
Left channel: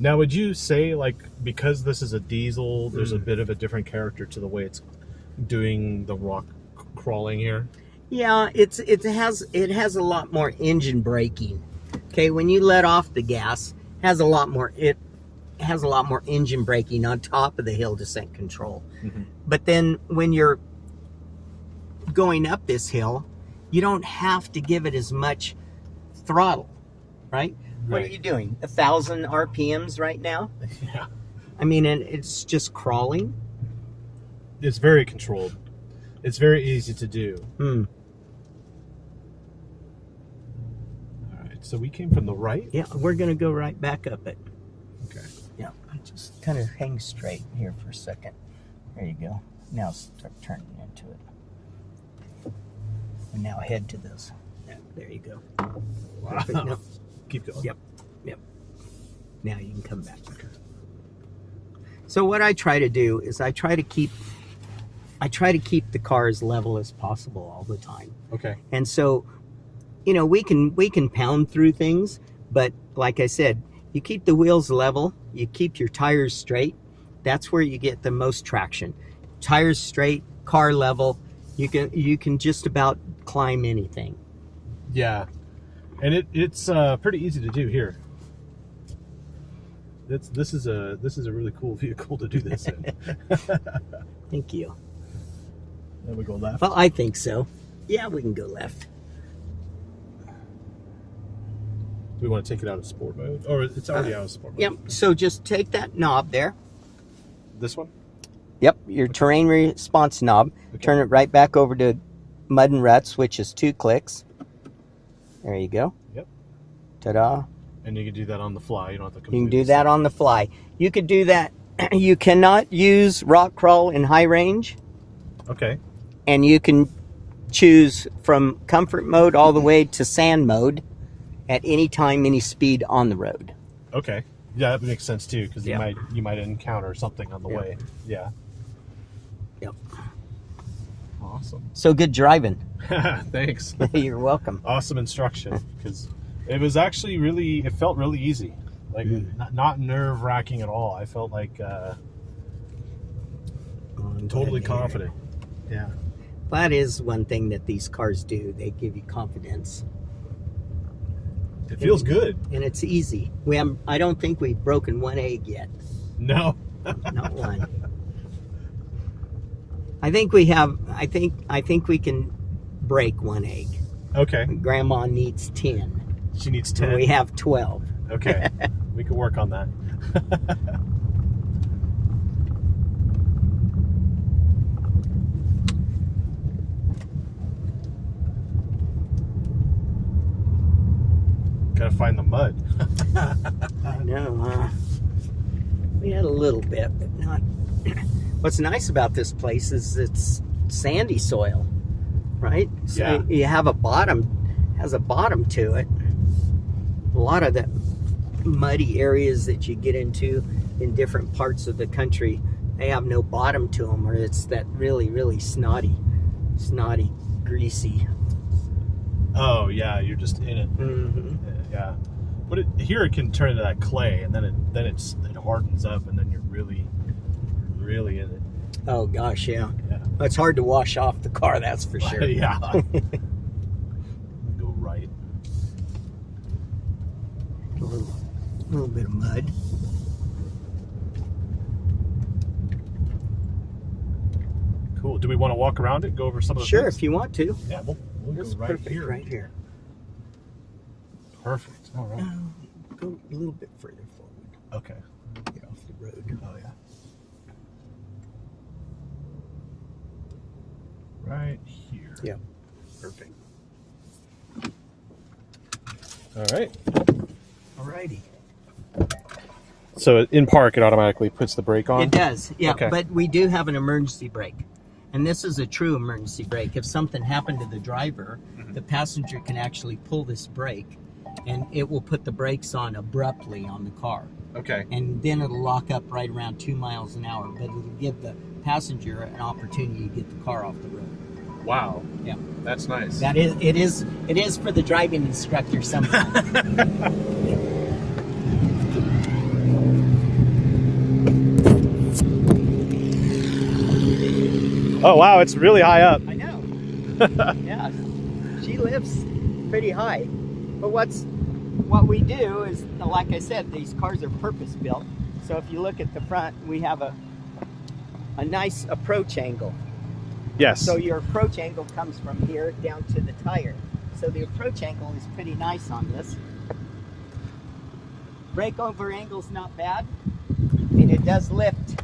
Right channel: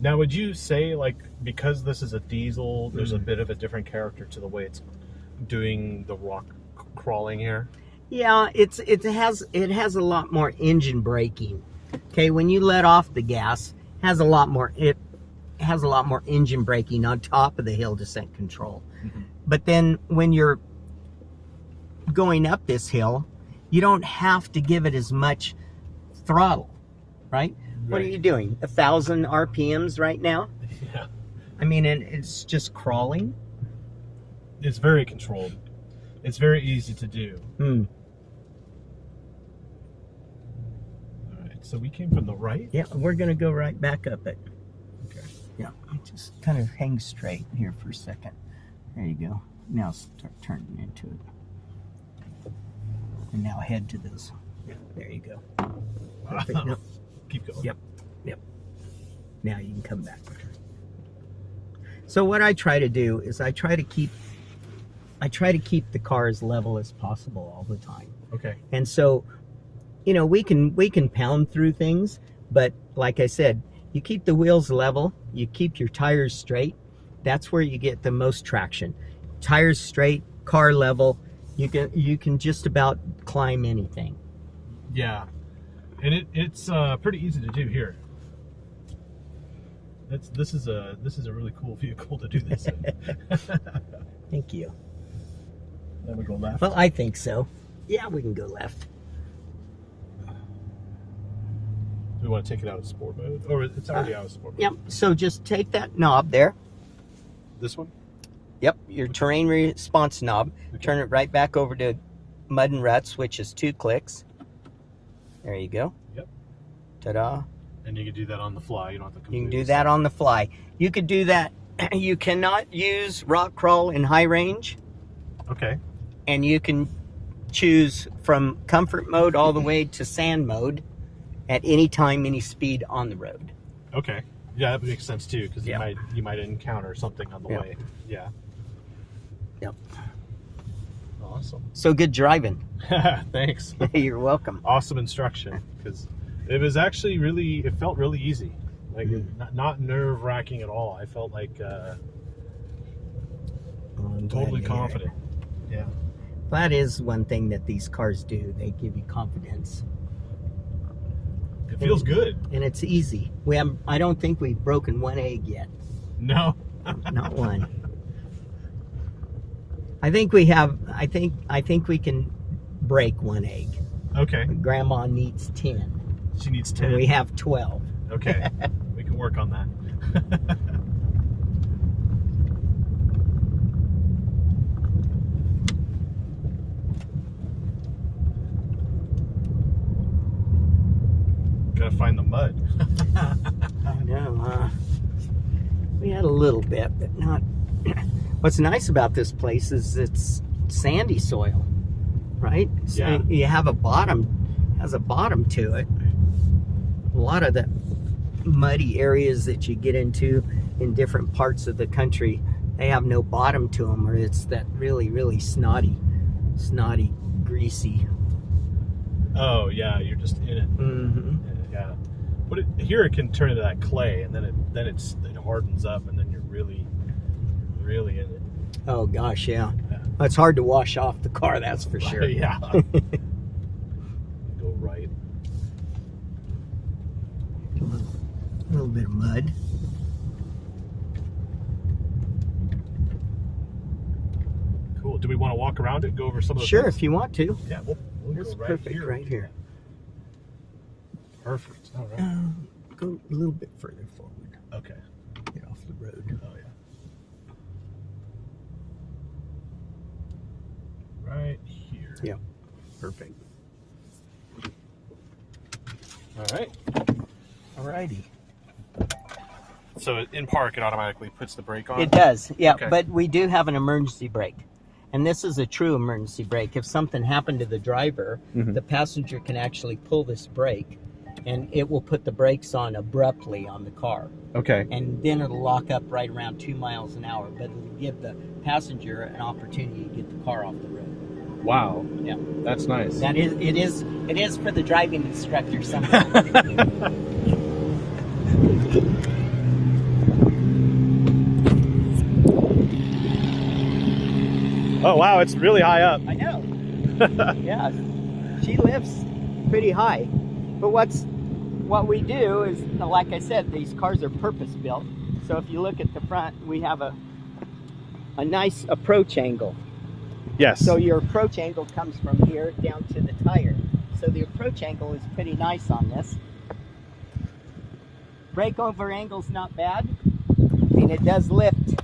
Now, would you say, like, because this is a diesel, there's a bit of a different character to the way it's doing the rock crawling here? Yeah, it has a lot more engine braking. Okay, when you let off the gas, it has a lot more engine braking on top of the hill descent control. But then when you're going up this hill, you don't have to give it as much throttle, right? What are you doing? 1,000 RPMs right now? Yeah. I mean, and it's just crawling. It's very controlled. It's very easy to do. All right, so we came from the right? Yeah, we're going to go right back up it. Okay. Yeah, just kind of hang straight here for a second. There you go. Now start turning into it. And now head to this. Yeah, there you go. Perfect. Yep. Keep going. Yep. Now you can come back. So what I try to do is I try to keep the car as level as possible all the time. Okay. And so, we can pound through things, but like I said, you keep the wheels level, you keep your tires straight. That's where you get the most traction. Tires straight, car level, you can just about climb anything. Yeah, and it's pretty easy to do here. This is a really cool vehicle to do this in. Thank you. Then we go left. Well, I think so. Yeah, we can go left. Do we want to take it out of sport mode, or it's already out of sport mode? Yep. So just take that knob there. This one. Yep, your terrain response knob. Okay. Turn it right back over to mud and ruts, which is 2 clicks. There you go. Yep. Ta-da. And you can do that on the fly. You don't have to You completely can do that on the fly. You could do that. You cannot use rock crawl in high range. Okay. And you can choose from comfort mode all the way to sand mode at any time, any speed on the road. Okay. Yeah, that makes sense too, because Yep. you might encounter something on the Yep. way. Yeah. Yep. Awesome. So good driving. Thanks. You're welcome. Awesome instruction, because it was actually it felt really easy. Like not nerve-wracking at all. I felt like totally confident. Yeah. That is one thing that these cars do. They give you confidence. It feels good. And it's easy. I don't think we've broken one egg yet. No. Not one. I think we have. I think we can break 1 egg. Okay. Grandma needs 10. She needs And 10. we have 12. Okay. We can work on that. Gotta find the mud. I know. We had a little bit, but not. What's nice about this place is it's sandy soil, right? So Yeah. you have a bottom, has a bottom to it. A lot of the muddy areas that you get into in different parts of the country, they have no bottom to them, or it's that really, really snotty, greasy. Oh yeah, you're just in it. Mm-hmm. Yeah, but here it can turn into that clay, and then it hardens up, and then you're really in it. Oh gosh, yeah. Yeah. It's hard to wash off the car, that's for sure. Yeah. Go right. A little bit of mud. Cool. Do we want to walk around it? Go over some of the Sure, things? if you want to. Yeah, we'll It's go right perfect here. right here. Perfect. All right. Go a little bit further forward. Okay. Get off the road. Oh yeah. Right here. Yeah. Perfect. All right. Alrighty. So in park, it automatically puts the brake on? It does, yeah. Okay. But we do have an emergency brake. And this is a true emergency brake. If something happened to the driver, the passenger can actually pull this brake, and it will put the brakes on abruptly on the car. Okay. And then it'll lock up right around 2 miles an hour, but it'll give the passenger an opportunity to get the car off the road. Wow. Yeah. That's nice. It is for the driving instructor somehow. Oh wow, it's really high up. I know. Yeah, she lives pretty high. But what we do is, like I said, these cars are purpose built. So if you look at the front, we have a nice approach angle. Yes. So your approach angle comes from here down to the tire. So the approach angle is pretty nice on this. Breakover angle's not bad. I mean, it does lift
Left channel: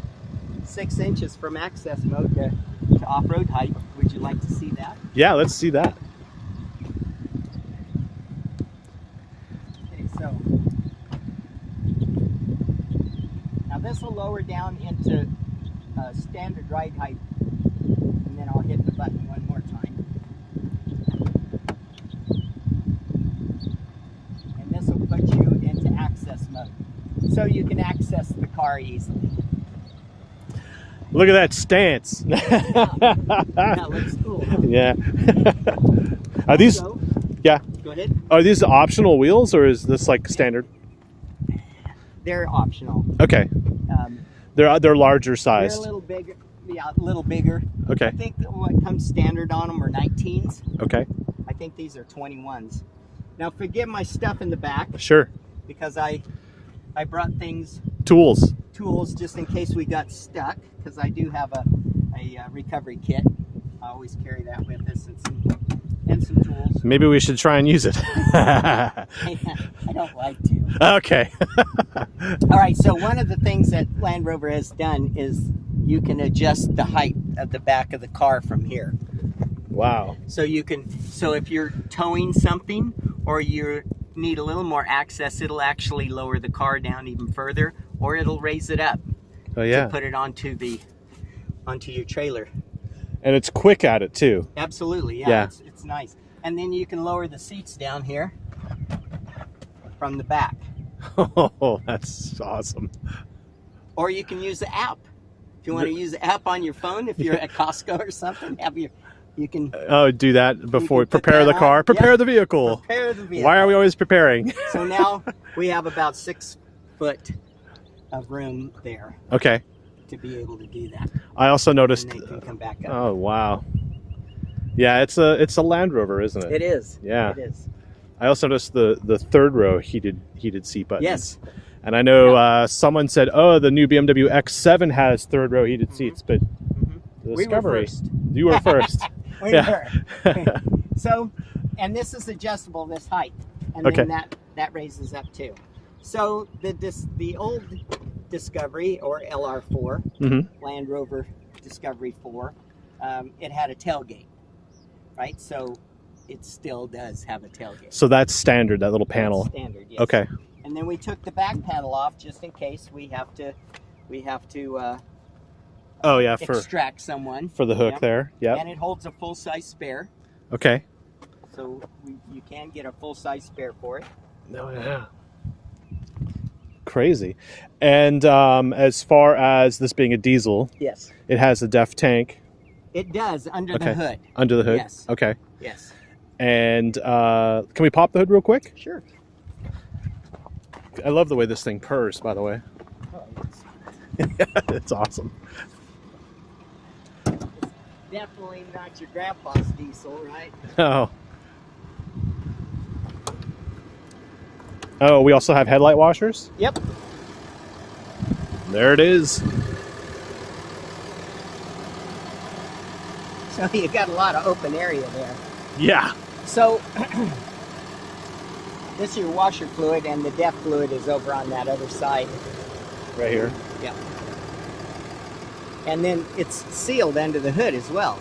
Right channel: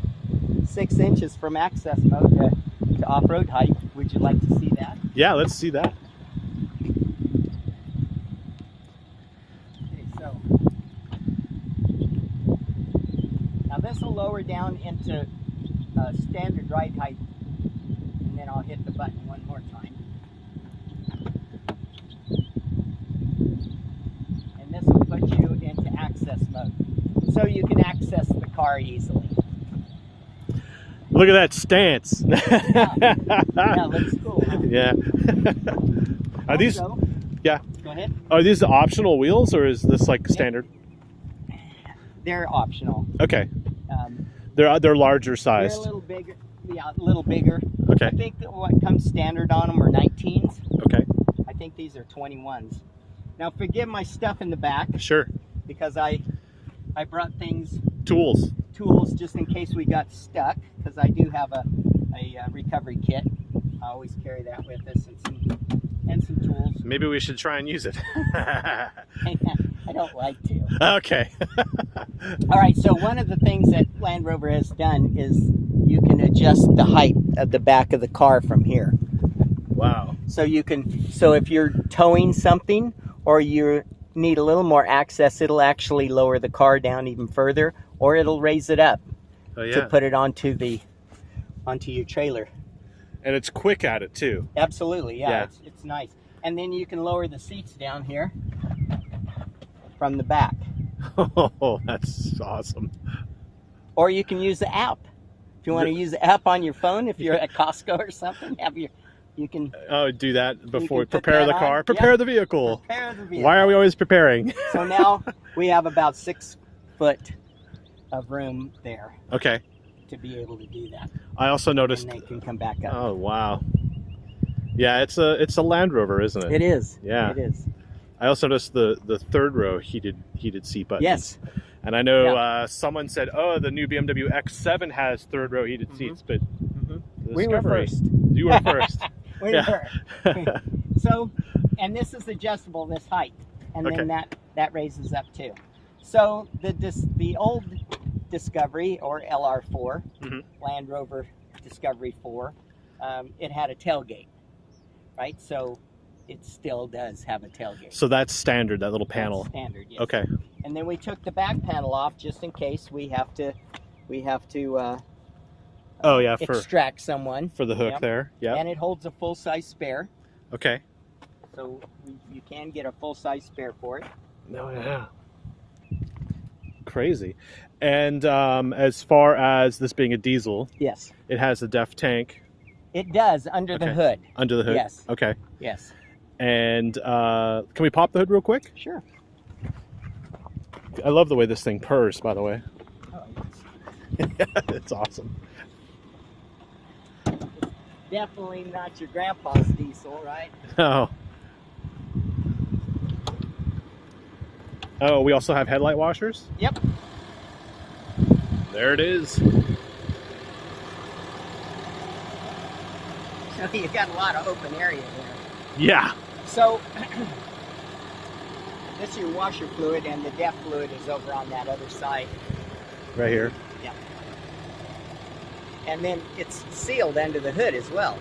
6 inches from access mode to off-road height. Would you like to see that? Yeah, let's see that. Okay, so now this will lower down into standard ride height, and then I'll hit the button one more time. And this will put you into access mode, so you can access the car easily. Look at that stance. That looks cool, huh? Yeah. Are these? Also, Yeah. go ahead. Are these optional wheels, or is this like standard? They're optional. Okay. Um, They're larger they're a sized. little bigger. Yeah, a little bigger. Okay. I think that what comes standard on them are 19s. Okay. I think these are 21s. Now forgive my stuff in the back Sure. because I brought Tools. tools just in case we got stuck, because I do have a recovery kit. I always carry that with us, and some tools. Maybe we should try and use it. I don't like to. Okay. All right, so one of the things that Land Rover has done is you can adjust the height of the back of the car from here. Wow. So if you're towing something or you need a little more access, it'll actually lower the car down even further, or it'll raise it up Oh yeah. to put it onto your trailer. And it's quick at it too. Absolutely, yeah. Yeah. It's nice. And then you can lower the seats down here from the back. Oh, that's awesome. Or you can use the app. If you want to use the app on your phone, if you're at Costco or something, you can Oh, do that before can put prepare that the on. car. Prepare Yep. the vehicle. prepare the vehicle. Why are we always preparing? So now we have about 6 foot of room there Okay. to be able to do that. I also noticed. And they can come back up. Oh wow. Yeah, it's a Land Rover, isn't it? It is. Yeah. It is. I also noticed the third row heated seat buttons. Yes. And I know someone said, "Oh, the new BMW X7 has third row heated seats," but The We were Discovery. first. You were first. We Yeah. were. So, and this is adjustable, this height, and Okay. then that raises up too. So the old Discovery, or LR4, Mm-hmm. Land Rover Discovery 4, it had a tailgate, right? So it still does have a tailgate. So that's standard, that little panel. That's standard, yes. Okay. And then we took the back panel off just in case we have to Oh yeah, for extract someone. the hook Yep. there. Yep. And it holds a full-size spare, Okay. so you can get a full-size spare for it. Oh yeah. Crazy. And as far as this being a diesel, Yes. it has a DEF tank It does, under Okay. the hood. under the hood. Yes. Okay. Yes. And can we pop the hood real quick? Sure. I love the way this thing purrs, by the way. Oh, yes. It's awesome. Definitely not your grandpa's diesel, right? Oh. Oh, we also have headlight washers? Yep. There it is. So you got a lot of open area there. Yeah. So this is your washer fluid, and the DEF fluid is over on that other side. Right here. Yep. And then it's sealed under the hood as well.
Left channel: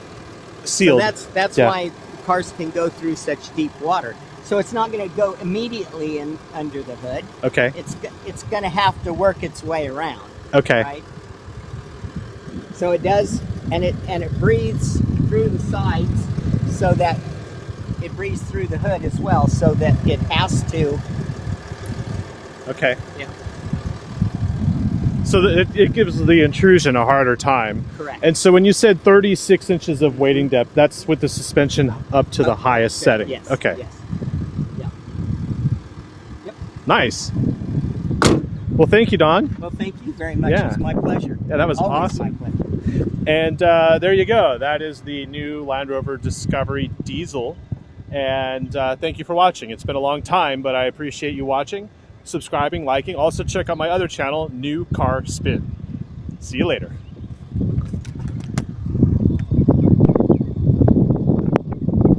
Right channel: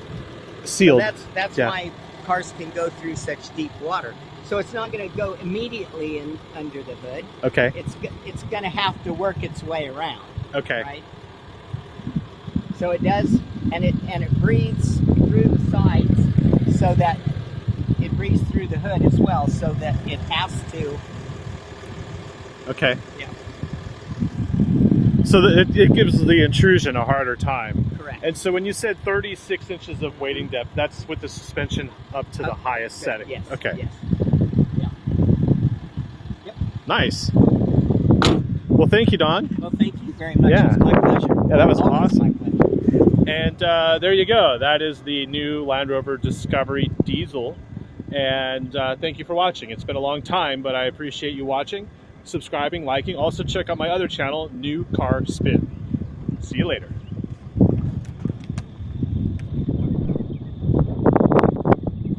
Sealed. So that's Yeah. why cars can go through such deep water. So it's not going to go immediately in under the hood. Okay. It's going to have to work its way around. Okay. Right. So it does, and it breathes through the sides, so that it breathes through the hood as well, so that it has to. Okay. Yeah. So that it gives the intrusion a harder time. Correct. And so when you said 36 inches of wading depth, that's with the suspension up to the highest setting. Yes. Okay. Yes. Yeah. Yep. Nice. Well, thank you, Don. Well, thank you very much. Yeah. It's my pleasure. Yeah, that was Always awesome. my pleasure. And there you go. That is the new Land Rover Discovery Diesel. And thank you for watching. It's been a long time, but I appreciate you watching, subscribing, liking. Also check out my other channel, New Car Spin. See you later.